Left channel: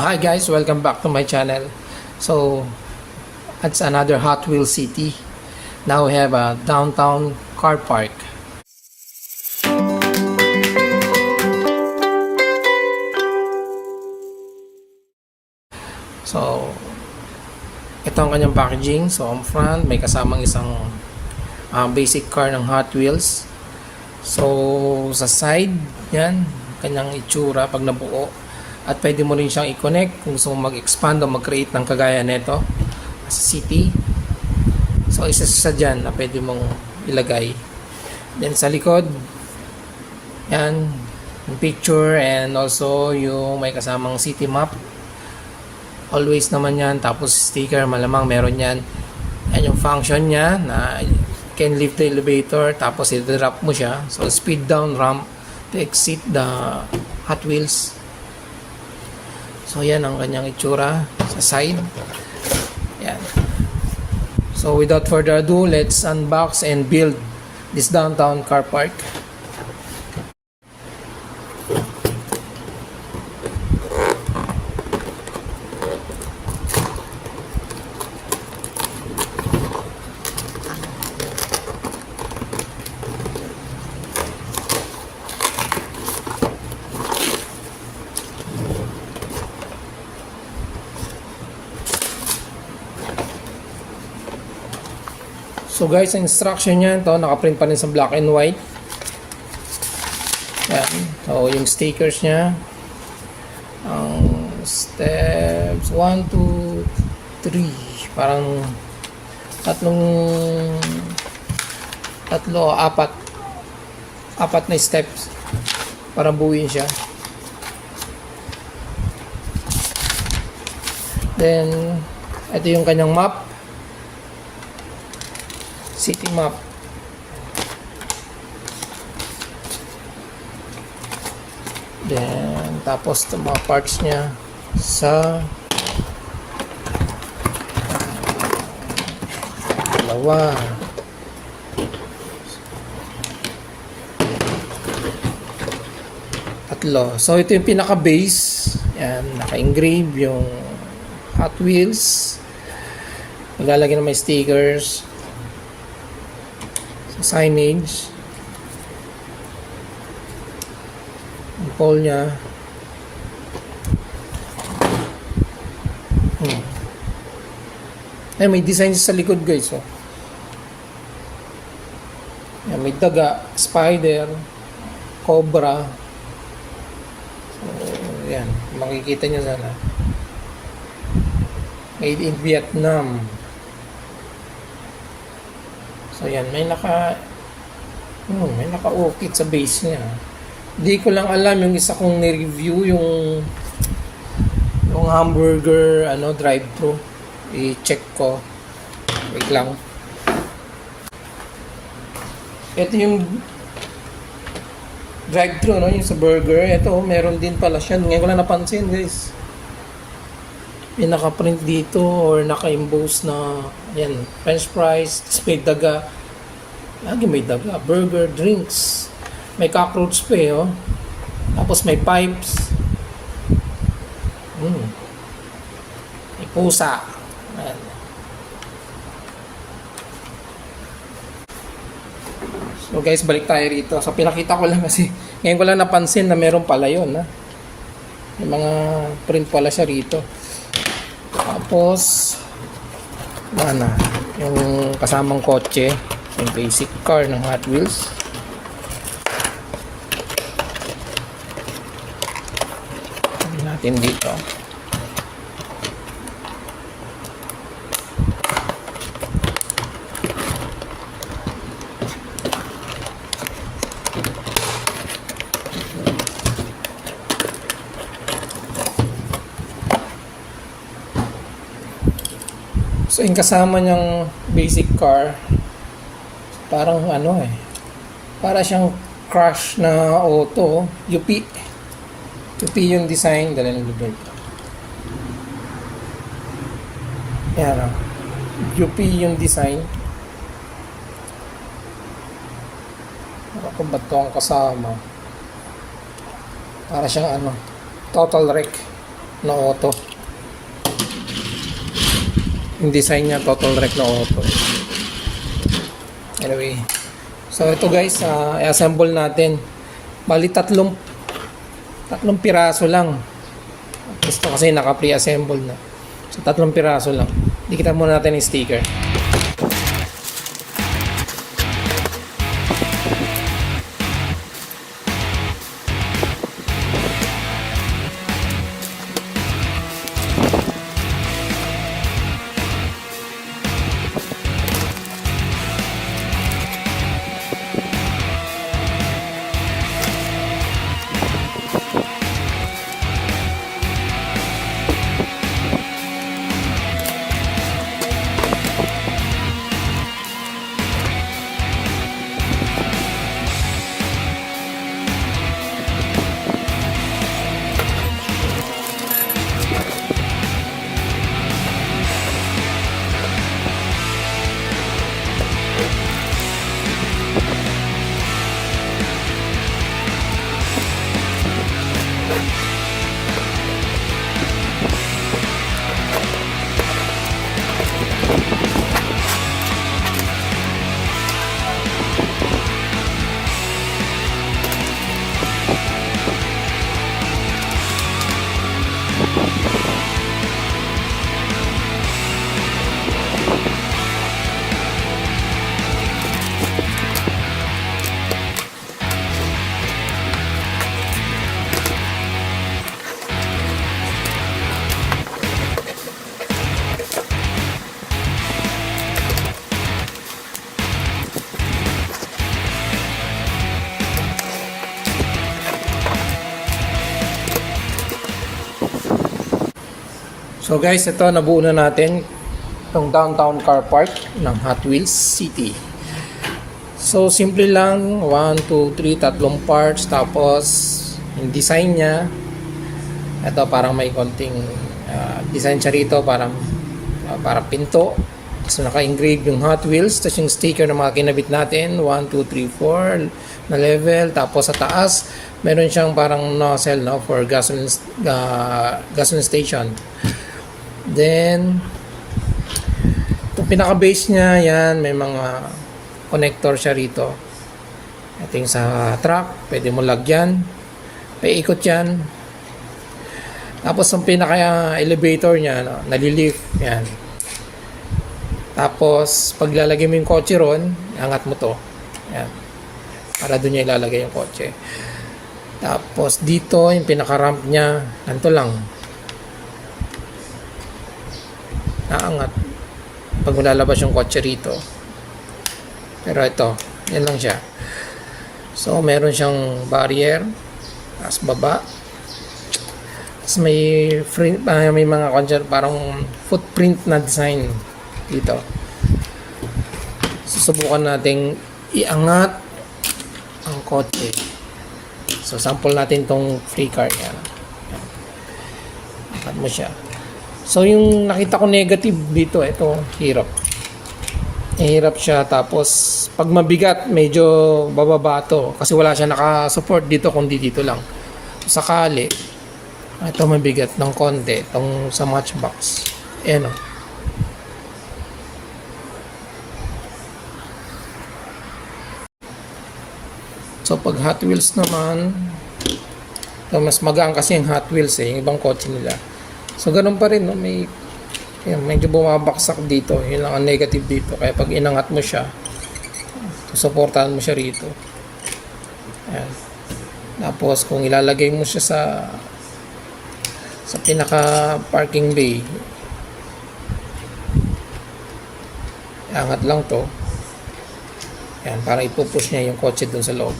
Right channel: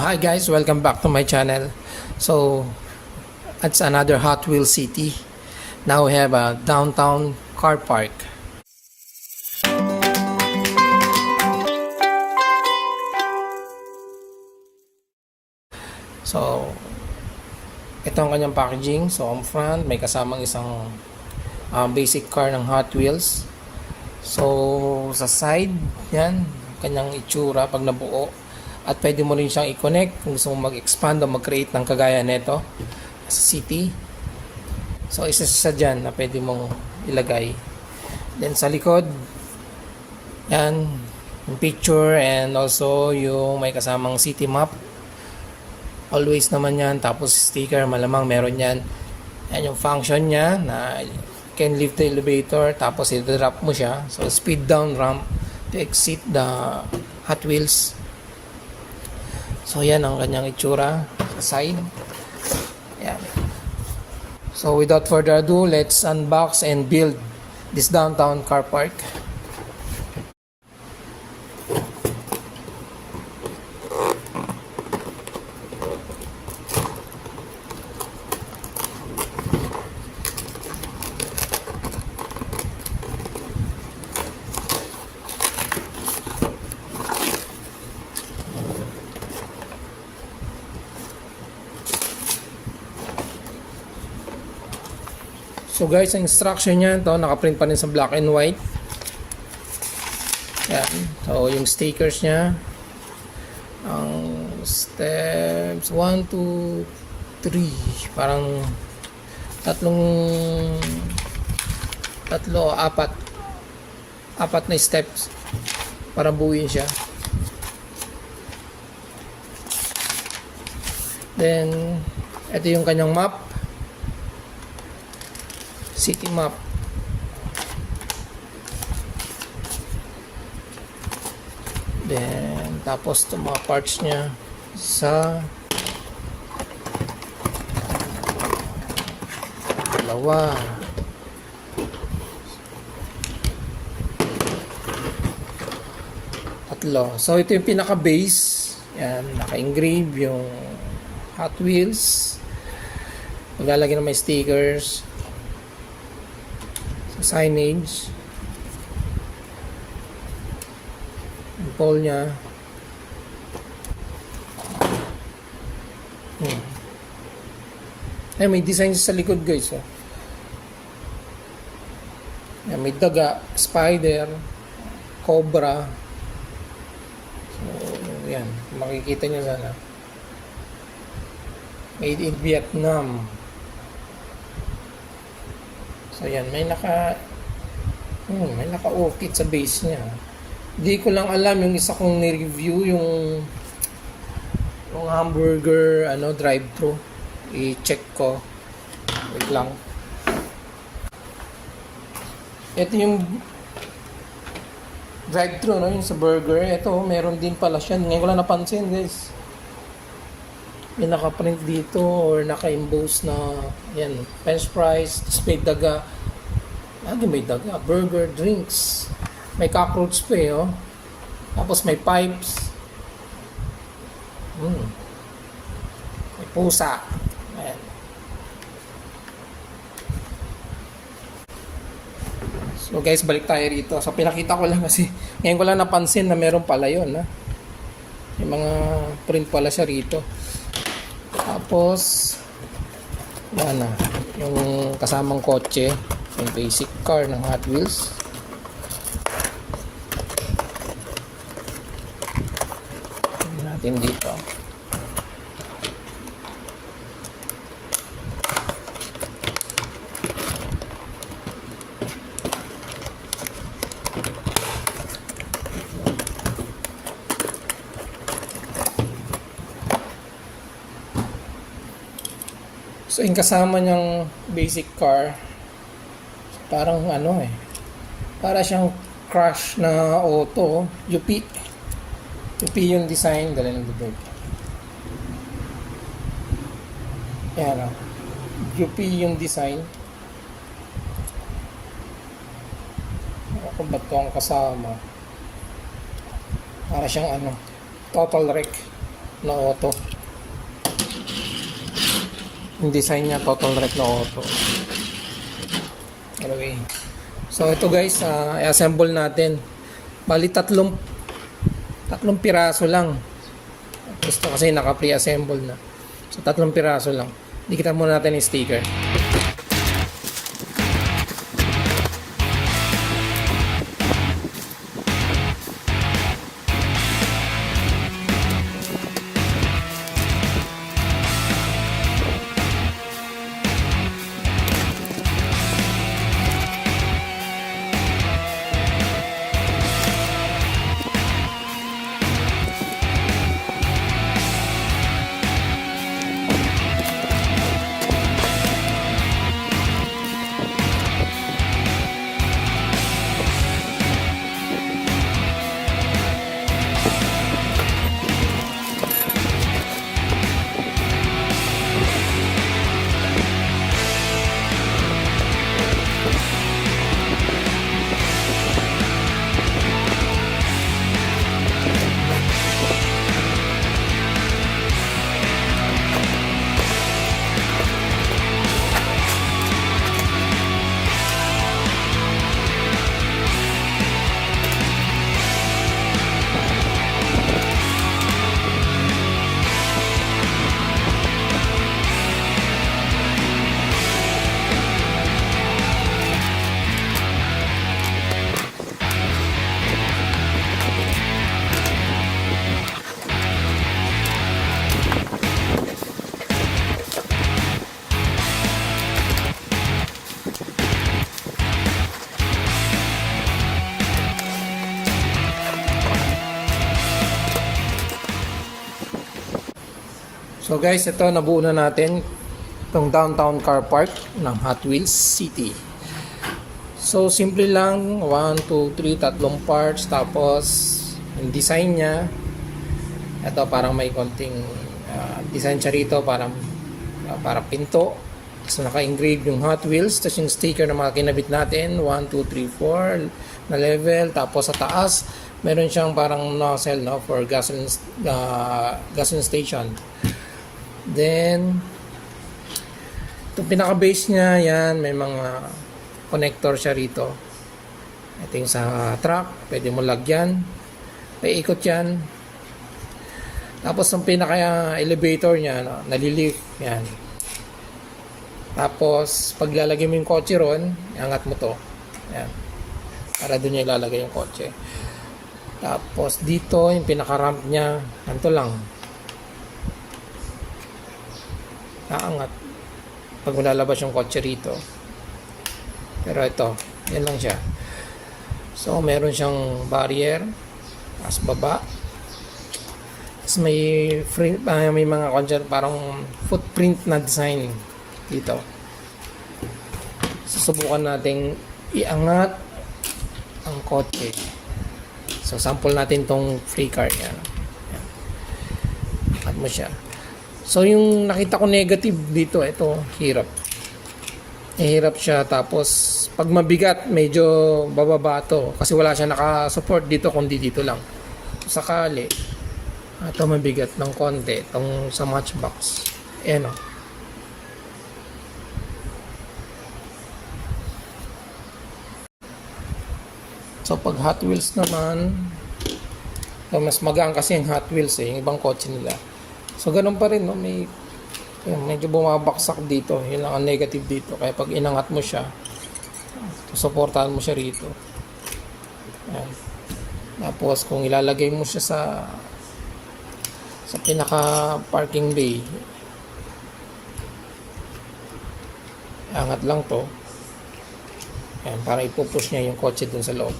Hi guys, welcome back to my channel. So it's another Hot Wheels City. Now we have a downtown car park. So ito ang kanyang packaging. So on front may kasamang isang basic car ng Hot Wheels. So sa side yan kanyang itsura pag nabuo. At pwede mo rin siyang i-connect kung gusto mong mag-expand o mag-create ng kagaya nito sa city. So isa dyan na pwede mong ilagay. Then sa likod yan yung picture and also yung may kasamang city map. Always naman yan. Tapos sticker malamang meron yan. Yan yung function niya na you can lift the elevator tapos i-drop mo siya. So speed down ramp to exit the Hot Wheels. So yan ang kanyang itsura sa side. Yan. So without further ado, let's unbox and build this downtown car park. So guys, ang instruction niya ito, nakaprint pa rin sa black and white. Ayan. So yung stickers niya, ang steps 1, 2, 3, parang apat na steps para buuin siya. Then ito yung kanyang map, city map. Then tapos itong mga parts niya sa dalawa, tatlo. So ito yung pinaka base. Yan, naka-engrave yung Hot Wheels. Maglalagay na may stickers, signage, yung pole nya. Ay, may design sa likod guys. Oh. Yan, may daga, spider, cobra. So, yan, makikita nyo sana. Made in Vietnam. So yan, may naka-ukit sa base niya. Hindi ko lang alam yung isa kong ni-review yung hamburger drive-thru. I-check ko. Wait lang. Ito yung drive-thru, yung sa burger. Ito, meron din pala siya. Ngayon ko lang napansin, guys. May naka-print dito or naka-emboss na yan, french fries, spade daga. Lagi may daga, burger, drinks. May cockroach pa oh. Tapos may pipes. May pusa. Ayan. So guys, balik tayo rito. So pinakita ko lang kasi ngayon ko lang napansin na meron pala yun. May mga print pala siya rito. Tapos yung kasamang kotse, yung basic car ng Hot Wheels. Tignan natin dito. So yung kasama niyang basic car, parang para siyang crush na auto, UP yung design, dala ng dito. Yan UP yung design. Ako ba ito ang kasama? Para siyang total wreck. na auto. Yung design niya total wreck na auto. Anyway, so ito guys, i-assemble natin. Bali tatlong piraso lang. Gusto kasi naka pre-assemble na. So tatlong piraso lang. Dikitan muna natin yung sticker. So guys, ito nabuo na natin itong downtown car park ng Hot Wheels City. So simple lang, 1, 2, 3, tatlong parts, tapos yung design niya, ito parang may konting design siya rito, parang pinto. So naka-engrave yung Hot Wheels, tapos yung sticker na mga kinabit natin, 1, 2, 3, 4 na level, tapos sa taas meron siyang parang nozzle, no, for gasoline station. Then yung pinaka-base niya, yan, may mga connector siya rito. Ito yung sa truck, pwede mo lagyan, paikot yan. Tapos yung pinaka-elevator niya, no, nalilift, yan. Tapos paglalagay mo yung kotse ron, angat mo to, yan, para doon niya ilalagay yung kotse. Tapos dito yung pinaka-ramp niya, ganito lang, naangat pag lalabas yung kotse rito. Pero ito, yan lang siya. So meron siyang barrier, taas baba, tapos may mga parang footprint na design dito. Susubukan nating iangat ang kotse. So sample natin tong free car yan. Angat mo siya. So yung nakita ko negative dito, ito, hirap siya. Tapos pag mabigat, medyo bababa to kasi wala siya naka-support dito, kundi dito lang. Sakali ito mabigat ng konti, itong sa matchbox, ayan o. So pag Hot Wheels naman, mas magaan kasi yung Hot Wheels yung ibang kotse nila. So ganun pa rin, no? Medyo bumabaksak dito. Yun lang ang negative dito. Kaya pag inangat mo siya, suportahan mo siya rito. Ayan. Tapos kung ilalagay mo siya sa pinaka parking bay, angat lang to. Ayan, para ipupush niya yung kotse dun sa loob.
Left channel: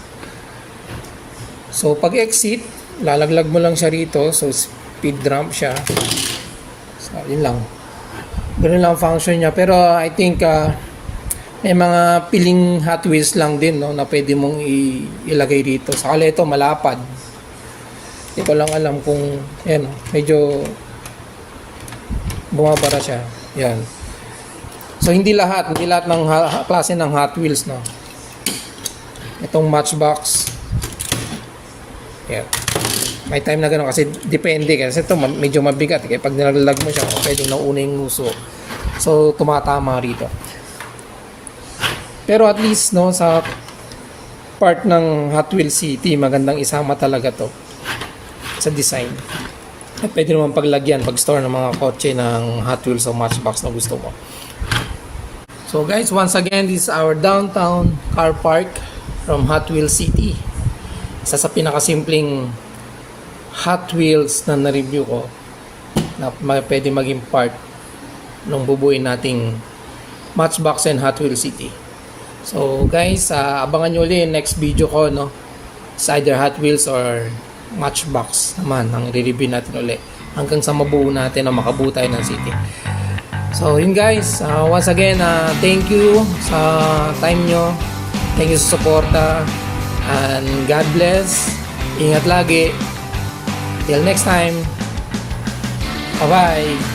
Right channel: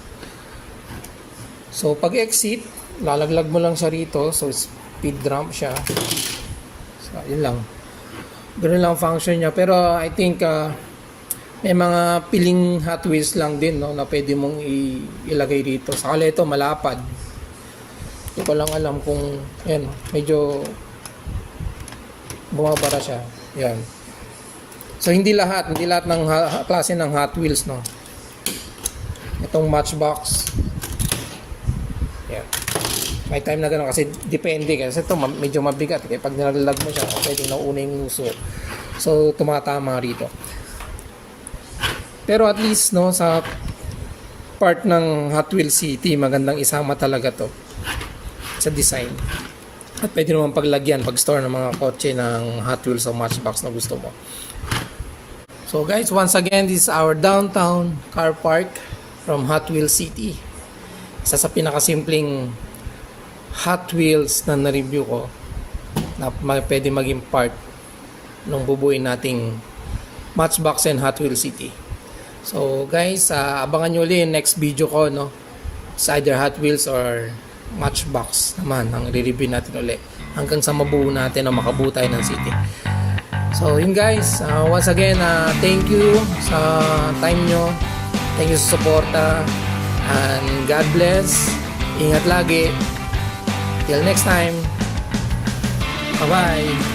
So pag exit, lalaglag mo lang siya rito. So speed ramp siya. So yun lang. Ganun lang function niya. Pero I think may mga piling Hot Wheels lang din, no, na pwede mong ilagay dito. Sakali ito malapad. Hindi ko lang alam kung yan, no, medyo bumabara siya. Yan. So hindi lahat ng klase ng Hot Wheels, no. Itong Matchbox. Yan. May time na gano'n kasi depende kasi ito medyo mabigat kaya pag nilalag mo siya pwedeng nauna yung nguso. So tumatama rito. Pero at least no sa part ng Hot Wheels City magandang isama talaga to sa design. At pwede naman paglagyan pag store ng mga kotse ng Hot Wheels o Matchbox na gusto mo. So guys, once again, this is our downtown car park from Hot Wheels City. Isa sa pinakasimpleng Hot Wheels na na-review ko na pwede maging part ng bubuin nating Matchbox and Hot Wheels City. So guys, abangan nyo ulit yung next video ko, no? It's either Hot Wheels or Matchbox naman ang re-review natin ulit hanggang sa mabuo natin o makabuo tayo ng city. So yun guys, once again, thank you sa time nyo, thank you sa suporta, and God bless, ingat lagi, till next time, bye bye.